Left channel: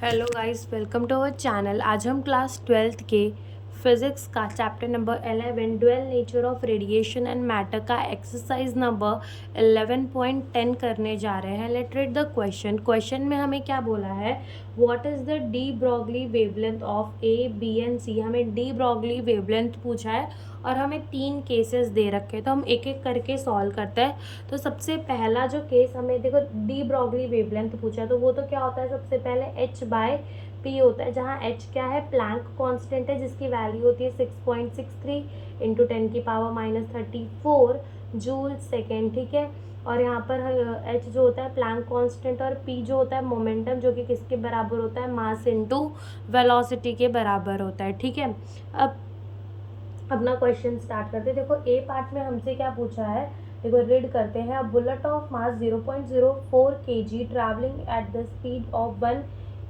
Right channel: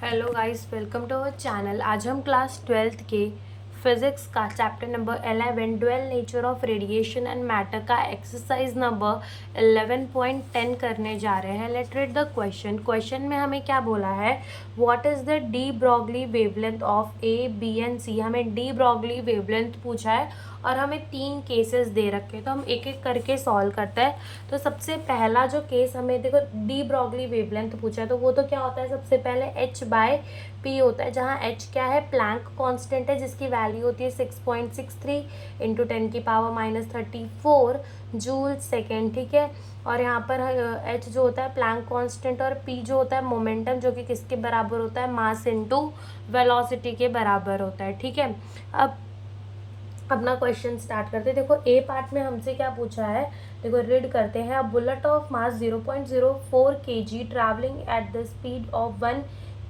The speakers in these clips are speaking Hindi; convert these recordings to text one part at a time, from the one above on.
Hello guys, welcome to our channel. आज हम क्लास 12th के फिज़िक्स का chapter number 11 dual nature of radiation and matter का एक्सरसाइज नंबर 11.10 करने जा रहे हैं। लेट रीड द क्वेश्चन में हमें क्या बोला है, what is the de Broglie wavelength of A B and C. हमें डी ब्रॉगली वेवलेंथ पूछा है और हमें 3 केसेस दे रखे हैं, तो हम एक एक करके सॉल्व करते हैं। तो सबसे पहला जो केस हमें देखो, डी ब्रॉगली वेवलेंथ पूछा है, तो वो तो क्या होता है, सबसे पहले h बाय पी होता है, जहाँ h क्या है, प्लैंक कांस्टेंट है, जिसकी वैल्यू होती है 6.63 इंटू 10 की पावर -34 जूल सेकेंड। ठीक है, और यहाँ पर h जो होता है प्लैंक कांस्टेंट, और p जो होता है मोमेंटम, जो कि किसके बराबर होता है, मास इनटू वेलोसिटी के बराबर होता है। ठीक है, अब अपना क्वेश्चन स्टार्ट करते हैं। देखो ए पार्ट में हमसे क्या पूछा है, देखो रीड करते हैं। A bullet of mass 0.04 kg travelling at the speed of 1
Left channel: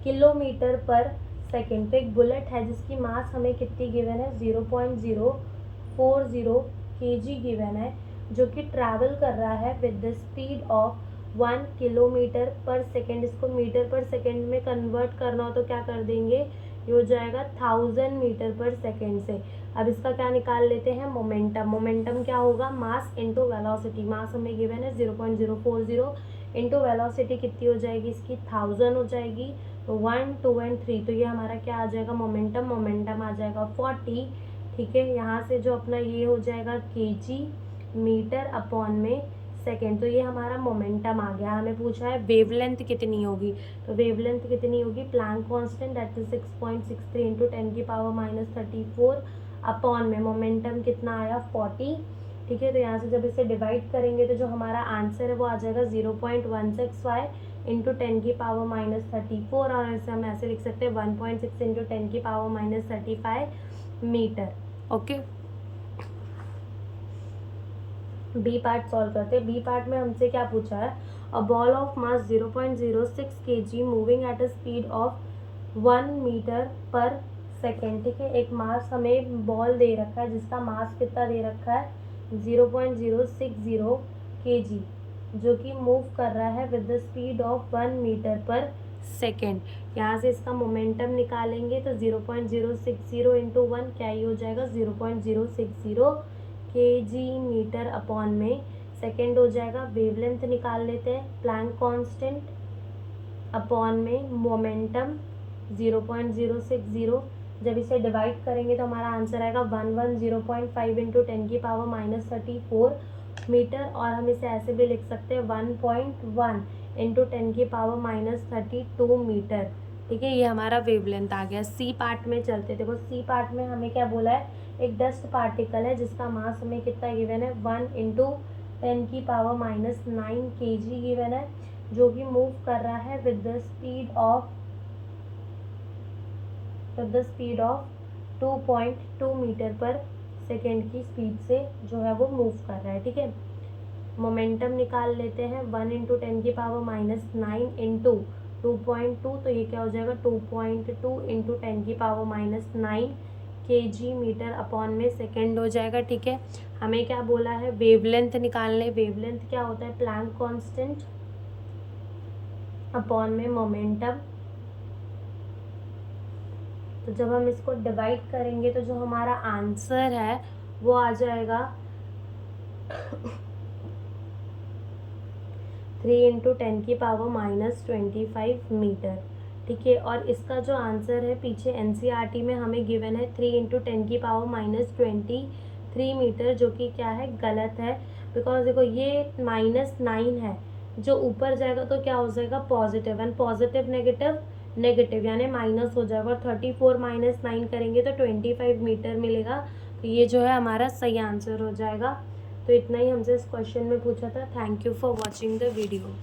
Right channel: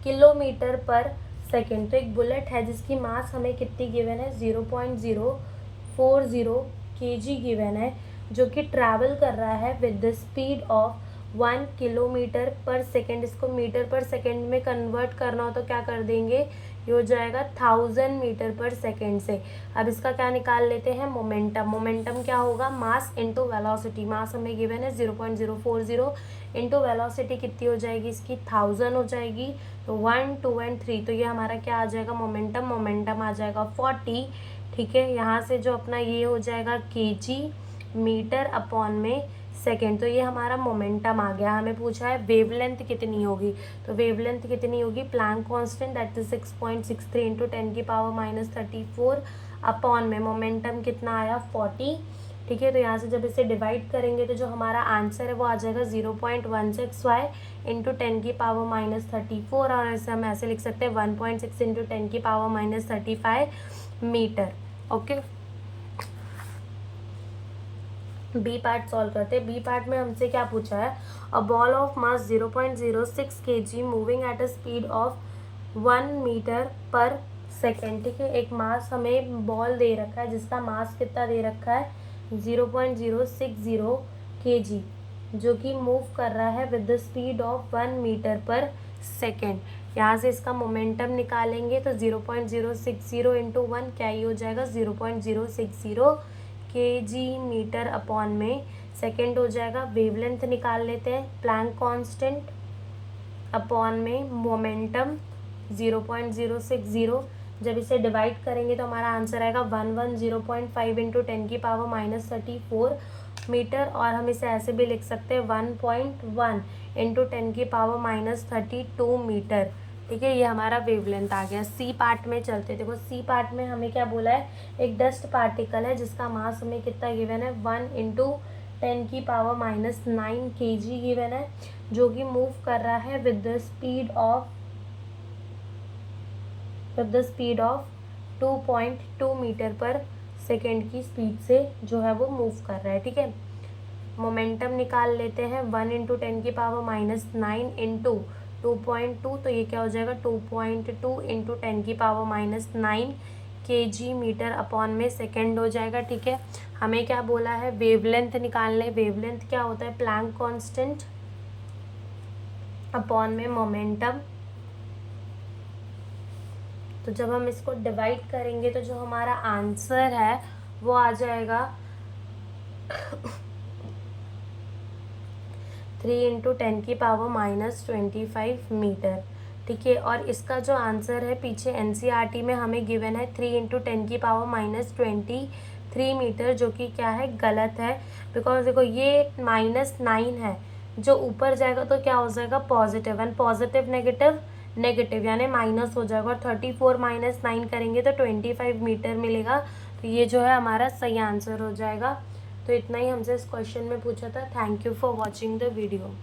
kilometre पर सेकेंड। तो एक बुलेट है जिसकी मास हमें कितनी गिवन है, 0.040 kg गिवन है, जो कि ट्रैवल कर रहा है with the speed of 1 kilometre पर सेकेंड। इसको मीटर पर सेकेंड में कन्वर्ट करना हो तो क्या कर देंगे, ये हो जाएगा 1000 मीटर पर सेकेंड से। अब इसका क्या निकाल लेते हैं, मोमेंटम। मोमेंटम क्या होगा, मास इनटू वेलोसिटी। मास हमें गिवन है 0.040 इंटू वेलोसिटी कितनी हो जाएगी इसकी, 1000 हो जाएगी। तो 1 2 एंड 3, तो ये हमारा क्या आ जाएगा, मोमेंटम। मोमेंटम आ जाएगा 40। ठीक है, यहाँ से जो अपना ये हो जाएगा केजी मीटर अपॉन में सेकेंड। तो ये हमारा मोमेंटम आ गया। हमें पूछा है वेवलेंथ कितनी होगी, तो वेवलेंथ कितनी होगी, Planck constant that is 6.63 into 10 की पावर -34 अपॉन में मोमेंटम कितना आया, 40। ठीक है, तो यहाँ से जब इसे डिवाइड करेंगे तो जो हमारा आंसर है वो आ जाएगा 0.16 इंटू 10 की पावर -34, और इसे हम ऐसे लिख सकते हैं 1.6 इंटू 10 की power -35 metre. Okay, b part solve करते हैं। बी पार्ट में हमसे क्या पूछा है, a ball of mass 0.06 kg moving at a speed of 1 metre per second. ठीक है, एक मास हमें बॉल दे रखा है जिसका मास कितना दे रखा है, 0.060 kg, जो कि मूव कर रहा है with the speed of 1 metre per second. यहाँ से इसका मोमेंटम निकालेंगे तो 0.060 इंटू 1 क्या ही हो जाएगा, 0.060 kg मीटर अपॉन में सेकेंड हो जाएगा। वेवलेंथ निकाल लेते हैं, प्लैंक कांस्टेंट अपॉन में मोमेंटम 0.060। जब इसे डिवाइड करेंगे तो हमारा आंसर आएगा 110.5 इंटू 10 की पावर -34 मीटर, और हम इसे ऐसे भी लिख सकते हैं 1.1 इंटू 10 की पावर -32 मीटर। ठीक है, ये हमारा वेवलेंथ आ गया। सी पार्ट में चलते, देखो सी पार्ट में हमें क्या बोला है, एक डस्ट पार्टिकल है जिसका मास हमें कितना गिवन है, 1 इंटू 10 की पावर -9 kg गिवन है, जो कि मूव कर रहा है with the speed of 2.2 metre per second की स्पीड से जो है वो मूव कर रहा है। ठीक है, मोमेंटम निकाल लेते हैं, 1 इंटू 10 की पावर -9 इंटू 2.2, तो ये क्या हो जाएगा, 2.2 इंटू 10 की पावर -9 kg मीटर अपॉन में सेकेंड हो जाएगा। ठीक है, हमें क्या बोला है, वेवलेंथ निकालने। वेवलेंथ क्या होता है, प्लैंक कांस्टेंट अपॉन में मोमेंटम। तो जब हम इसको डिवाइड करेंगे तो जो हमारा आंसर है वो आ जाएगा 3 इंटू 10 की पावर -25 मीटर। ठीक है, और इसका जो आंसर है पीछे एनसीईआरटी में हमें गिवन है 3 इंटू 10 की पावर -23 मीटर, जो कि क्या है, गलत है। बिकॉज देखो ये -9 है, जो ऊपर जाएगा तो क्या हो जाएगा, positive, and positive negative negative यानी माइनस हो जाएगा, और 34 - 9 करेंगे तो 25 मीटर मिलेगा। तो ये जो है हमारा सही आंसर हो जाएगा। तो इतना ही हमसे इस क्वेश्चन में पूछा था। Thank you for watching the video.